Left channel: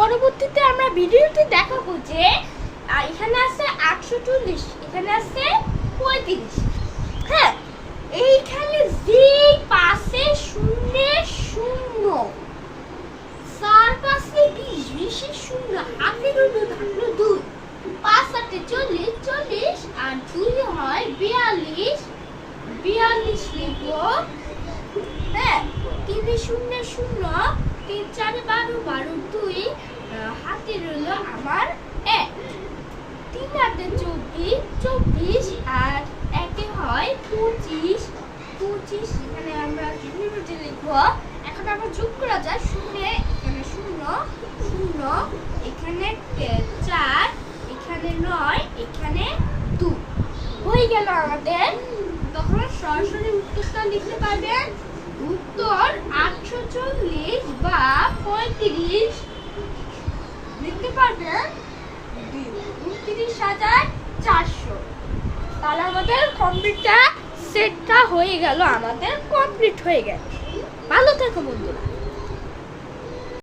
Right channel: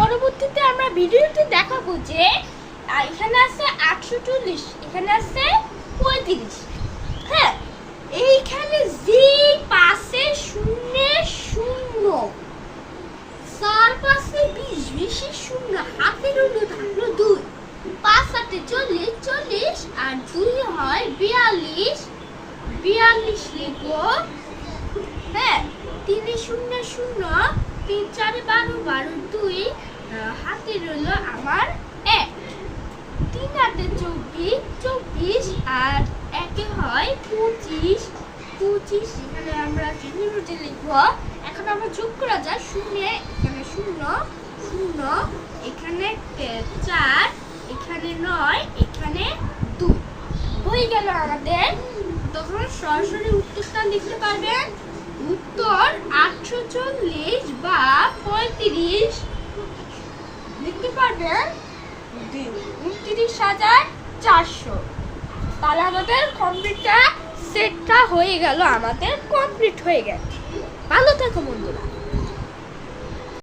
পরবর্তীতে আমরা ভিডিওতে দেখাবো যে এখানে আছে 840, এখানে আছে 35। হ্যাঁ, এইখানে যে পাশে শূন্য শূন্য, চার পাশে 20, 20 শূন্য, হাতের হলো থাকলো 2, 5 8 40, 40 আর 2 হয় 42, 42 লিখবো। হ্যাঁ, 3 শূন্য শূন্য, 3 4 12, 12 2, হাতে রইল আমার 1, 3 8 24, 24 আর 1 হয় 25, 25 এখানে আমরা কিলোমিটার লিখবো। এখন আমরা যোগ করা যায়, শূন্য এখানে 0 0, এখানে 4, এখানে 9, এখানে 2 হয়ে গেল আমাদের। তখন সরাসরি উত্তরটা লিখতে পারবেন। উত্তর 840 বা 35 লিখতে পারবেন 29,400। তাহলে আমাদের কমপ্লিটটা সেটটা হয়ে গেল, আমাদের কমপ্লিট হয়ে গেল। ভালো থেকো বন্ধুরা।